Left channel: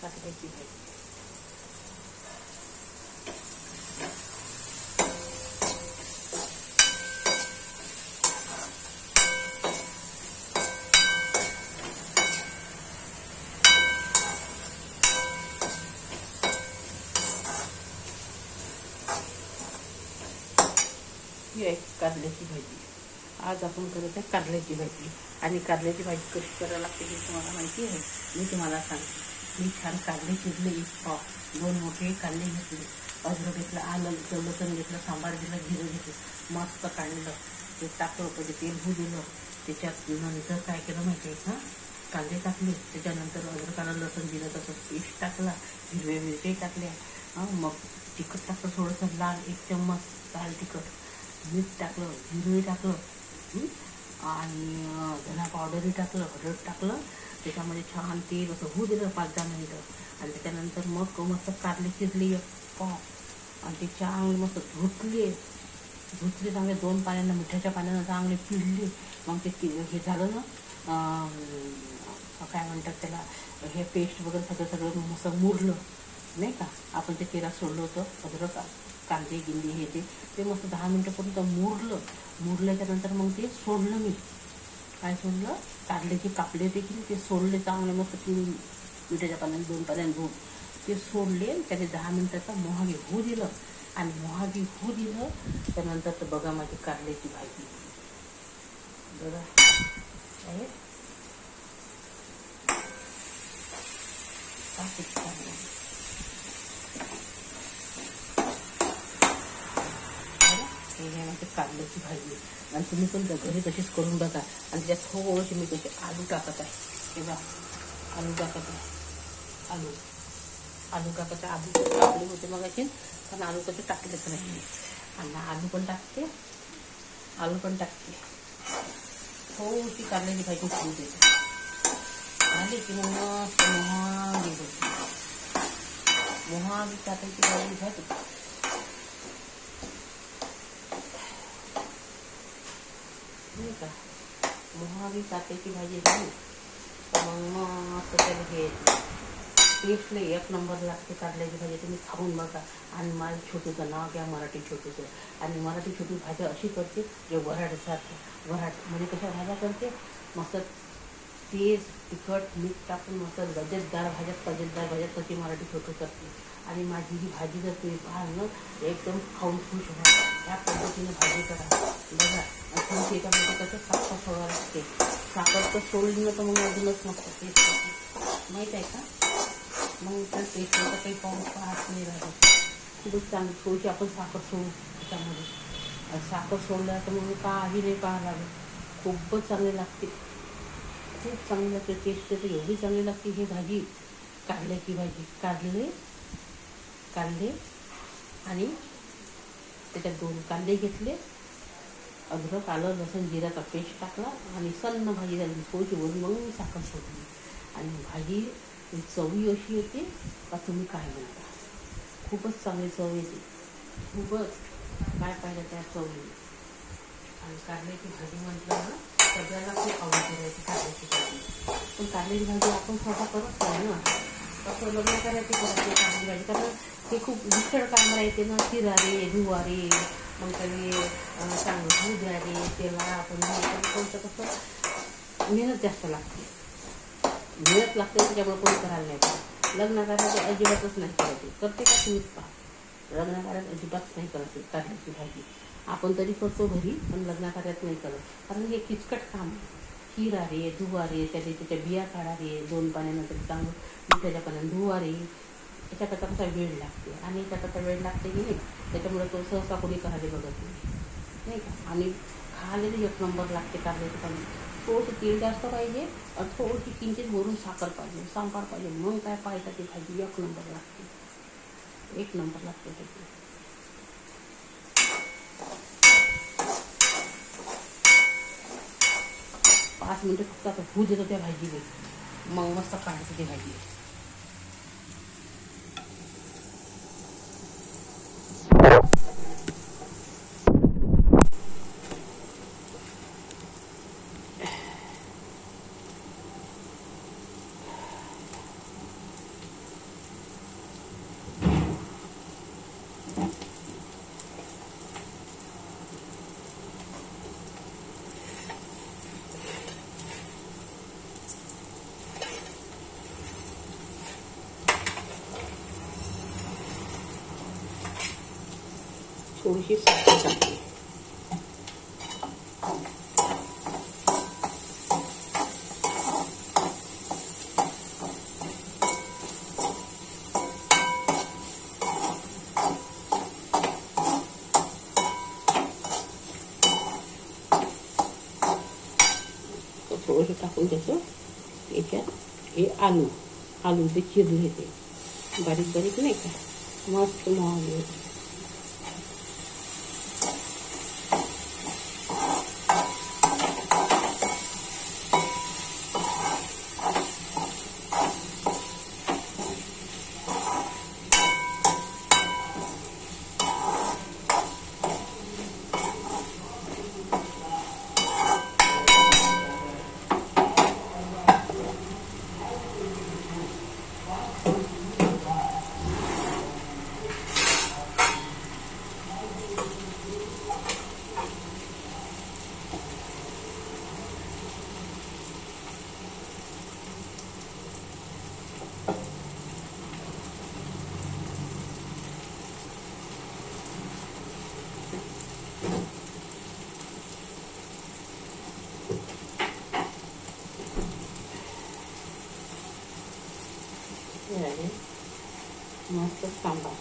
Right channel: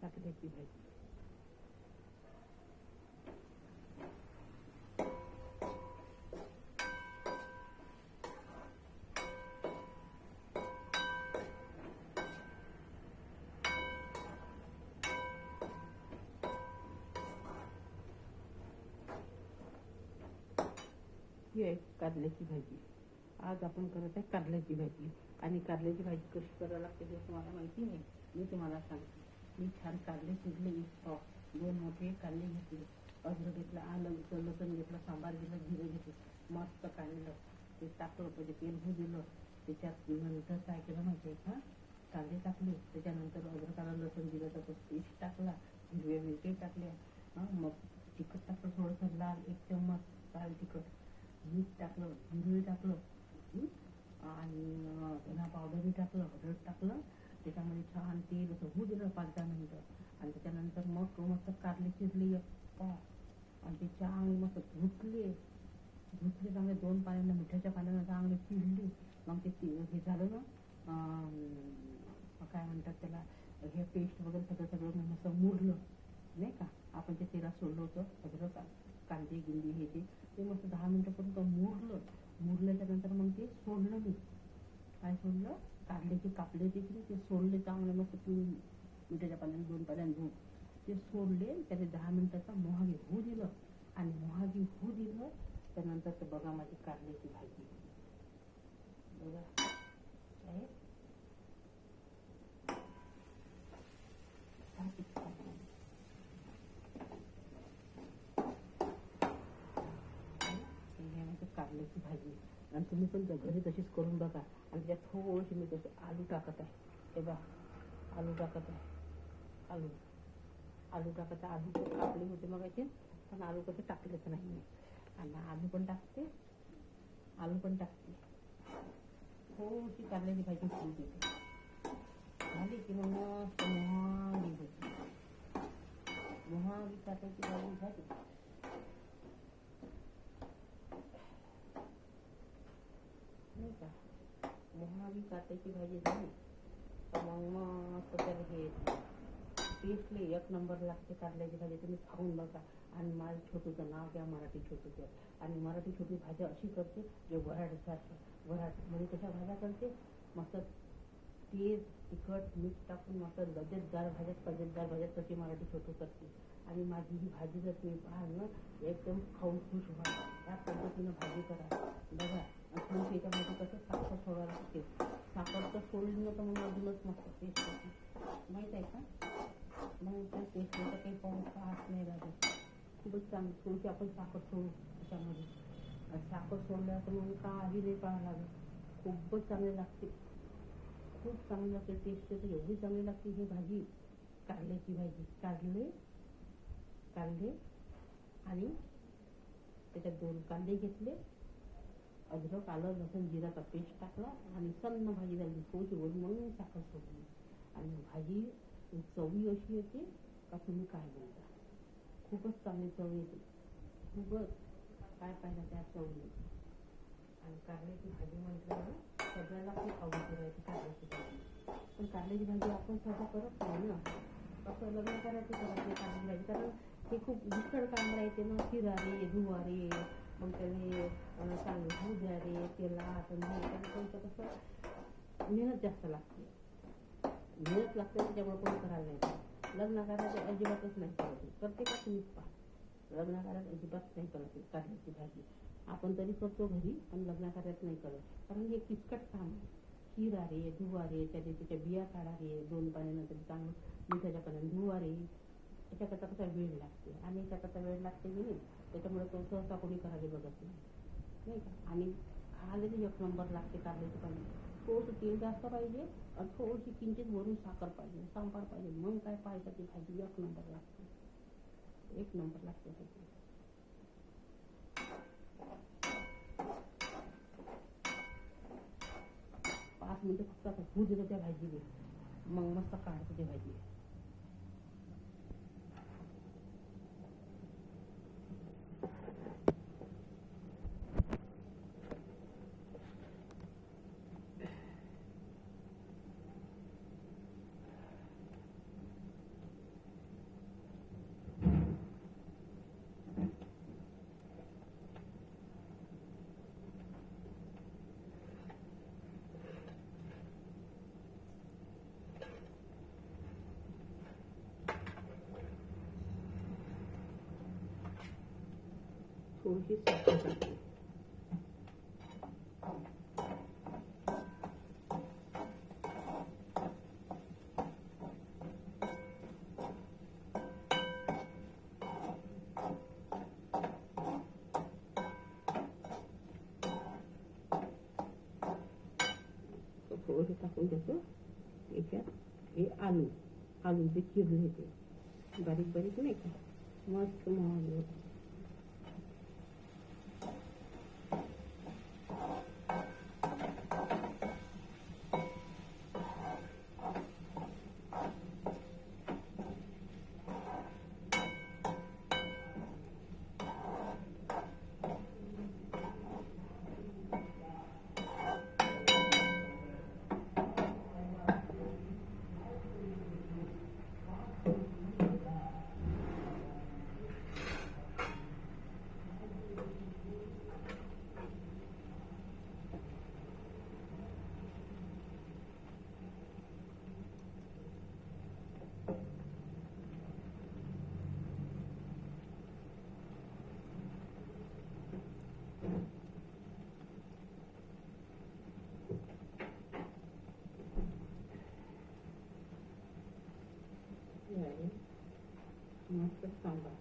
काटल्याची भाजी. ही आहे कारल्याची भाजी. आज आपण करत आहे कारल्याची भाजी. आणि कारल्याची भाजी कशी करायला लागते हे तुम्हाला माहिती आहे. मी तुम्हाला सांगते. मी छान कारले चिरले, 1 पाव, 2 मोठे कारले घेतले, अद्रक घेतलं, आलं लसूण घेतलं, सांबार घेतलं, जिरं घेतलं, मस्त काढलं, ते टाकलं, पहिले तेल होऊ दिलं. त्याच्यात नंतर काय केलं माहिती आहे का, कांदे टाकले, त्याच्यानंतर अद्रक आलं लसूण जिरं तसं पेस्ट टाकला, हिरव्या मिरची टाकल्या, मग तिखट टाकलं थोडंसं लाल, 1 चम्मच लाल तिखट, मीठ टाकलं, जिरं टाकलं, आणि धना पावडरही टाकलं, हळद टाकलं. त्याच्यामध्ये छान तेल असं होऊ दिलं 5-10 मिनिटं. आणि त्याच्यानंतर मग मस्त कारले चिरले 1 पाव, आणि ते चांगले मस्त धुतले चांगले 2 पाण्यानं, मिठाच्या पाण्यानं चांगले पिळले. मग ते हे झालं ना, काय म्हणतात त्याला, हे पेस्ट वगैरे सगळं मस्त मुरलं नाही का. आपण ते तेलात सोडलं होतं अद्रक कांदे गिंदे हे ते मस्त 10 मिनिटापर्यंत मुरल्याच्या नंतर मग ते सोडलं. मी काय सोडलं, कारल्याचे कापले होते की ते सोडले चांगले मस्त पिळून, मिठाच्या पाण्याने 2 पाण्याने धुवून ते सोडले. त्याने 10 मिनिटाचा मोहागी होऊ दिलं. आणि मोहागी होऊ दिलं त्यानंतर तर बघा माझी कारल्याची भाजी बघा आहे. कारल्याची भाजी. आणि तुम्ही पण घरी तशीच करून बघा. आणि त्याच्यात थोडीशी मी कसे आलू टाकत आहे. तेव्हा आलू टाकत आहे. आलू टाकत आहे. आलू टाकले होते मग असे, पण आलू कसे टाकलेच नाही. आणि आलू पण टाकते. थोडीशी कारल्याची भाजी शिजू देते. आली की मग मोहागी टाकायची भाजी झाली. का मोहागी काट्याची भाजी झाली तर मग त्याला हे टेस्टला 1 नंबर लागते कारल्याची भाजी. तुम्ही खाऊन बघा. आणि माझं छोटूचं नाव घ्या, मराठी छोटूचं. आणि मराठी छोटू भाज्या अशी करते जे वऱ्हाडसारखं. वऱ्हाड म्हणजे कशा भाज्या करते, मस्त तेज तिखट मीठ टाकून मस्त लज्जतदार भाज्यात कशी मराठी छोटू करते. आणि माझी ही भाजी जर तुम्ही पाहाल ना, एकदम खाऊन खुश व्हा. या पद्धतीने भाजी करा बघा. आणि त्याच्यामध्ये कसं साखर सोडावं लागते. साखर तर सोडली ना तर मग अजूनच मस्त टेस्ट होते माहीत आहे का. मग त्या टेस्टला तर काही पाहत नाही राहत. खूपच चांगली थोडीशी आपण साखर सोडू त्याच्यामध्ये. साखर सोडल्या तर मग काही नाही पाहावं लागेल. खूपच चांगली लागते. खूप चांगली लागते. टेस्ट तर एवढी चांगली लागते ही भाजी, कारल्याची भाजी. काढले आणि त्याच्यात 2 कांदे घेतले, अद्रक आलं लसूण जिऱ्याचा पेस्ट टाकला आणि सन्न भाजी झाली. थोडीशी वरून मग साखर सोडली. आणि भाजी चवी अशी येते का तुम्ही काय म्हणता. खूपच चांगली चव येते. खूपच काय पाहिजे त्या चवी. आणि कारल्याची भाजी म्हटलं ना, सगळ्याला खूप आवडते राहायची कारल्याची भाजी. पण कारल्याची भाजी आपण स्वतः करत नाही ना. असं लग्न करायची कारल्याची भाजी, कारण ते खूप विसळ काम राहते ना. चिरा रे धुवा रे, मग त्याने चांगलं होऊ द्या रे, त्याला आपण कोणतं कसं मेहनत जास्त लागते. त्याच्यामुळे कोणी करायला नाही पाहिजे. लग्न करायचे अजिबातच नाही करायचे. करते का तुम्हीच पहा. लग्न कार्यात अजिबात नाही करायची कारल्याची भाजी. आपण तरी करतो घरी, पण लग्न कार्यात नाही करत. कारण हे किचकट काम. चिरा रे धुवा रे, त्याच्या बिया काढा रे, 2 पाण्यानंतर चांगलं मिठाच्या पाण्याने धुवा रे. त्याच्याकरता कसा वेळ लागते. आणि त्याच्याकरता वेळ लागते की नाही, त्याच्यामुळे तो सहसा कोणी करायला बघत नाही का. आणि खायला 1 नंबर लागते कारल्याची भाजी. थोडंसं तेल जास्त पाहिजे आणि थोडीशी किंचित वरून साखर पाहिजे, सांबार पाहिजे. मग काय पाहिजे ती भाजी 1 नंबर लागते. 1 नंबर लागते त्याची. 5 मिनिटं फक्त आता होऊ देतो त्या भाजीला. मग मस्त काढायचं ती भाजी. थोडीशी साखर टाकते. थोडंसं टाकून त्याचं याच्यात हे आलू जे चिरले ते बारीक बारीक नाही का, मस्त मोहन. मस्त सांबार.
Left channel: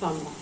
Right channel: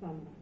सांबार.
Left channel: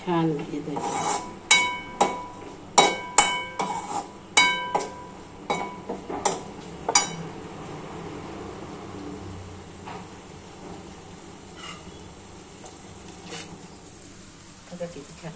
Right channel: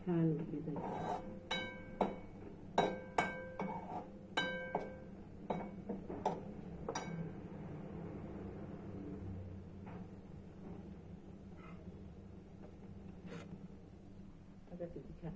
छान भाजी द्यायची. बघा किती छान.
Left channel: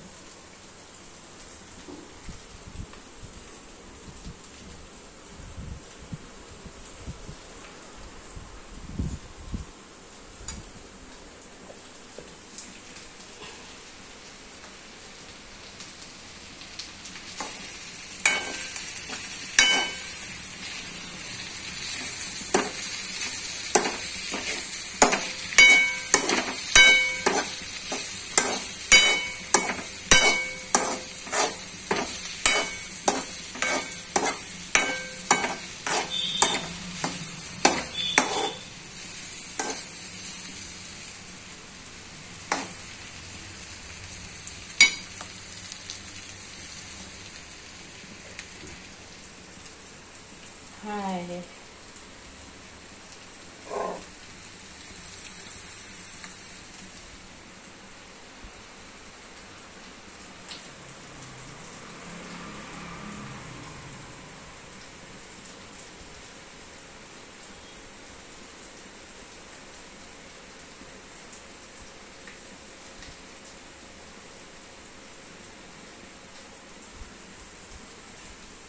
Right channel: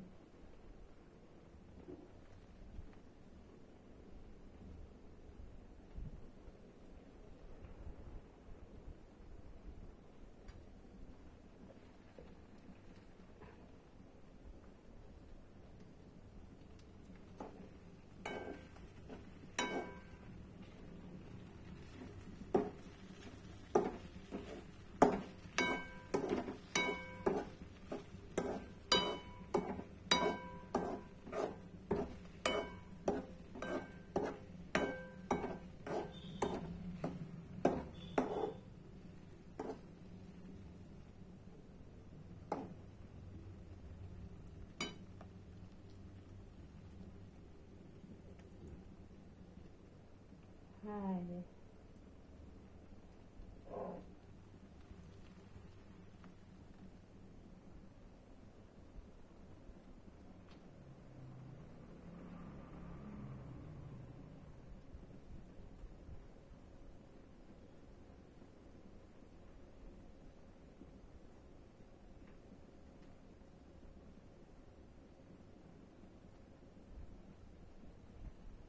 हाय.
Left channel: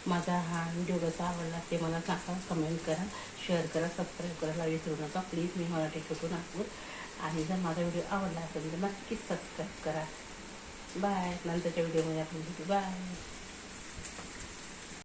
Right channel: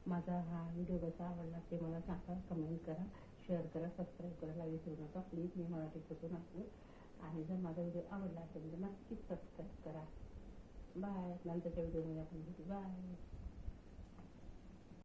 माझा हा व्हिडिओ कसा आवडला ते मला सांगा, कमेंट करा, शेअर करा, सबस्क्राईब करायला विसरू नका प्लीज. मी मराठी शिकू नागपूर. आणि जर माझा व्हिडिओ आवडला असेल तर नक्कीच सबस्क्राईब करा. बाय. नंतरच्या व्हिडिओमध्ये आपण भेटू. बाय.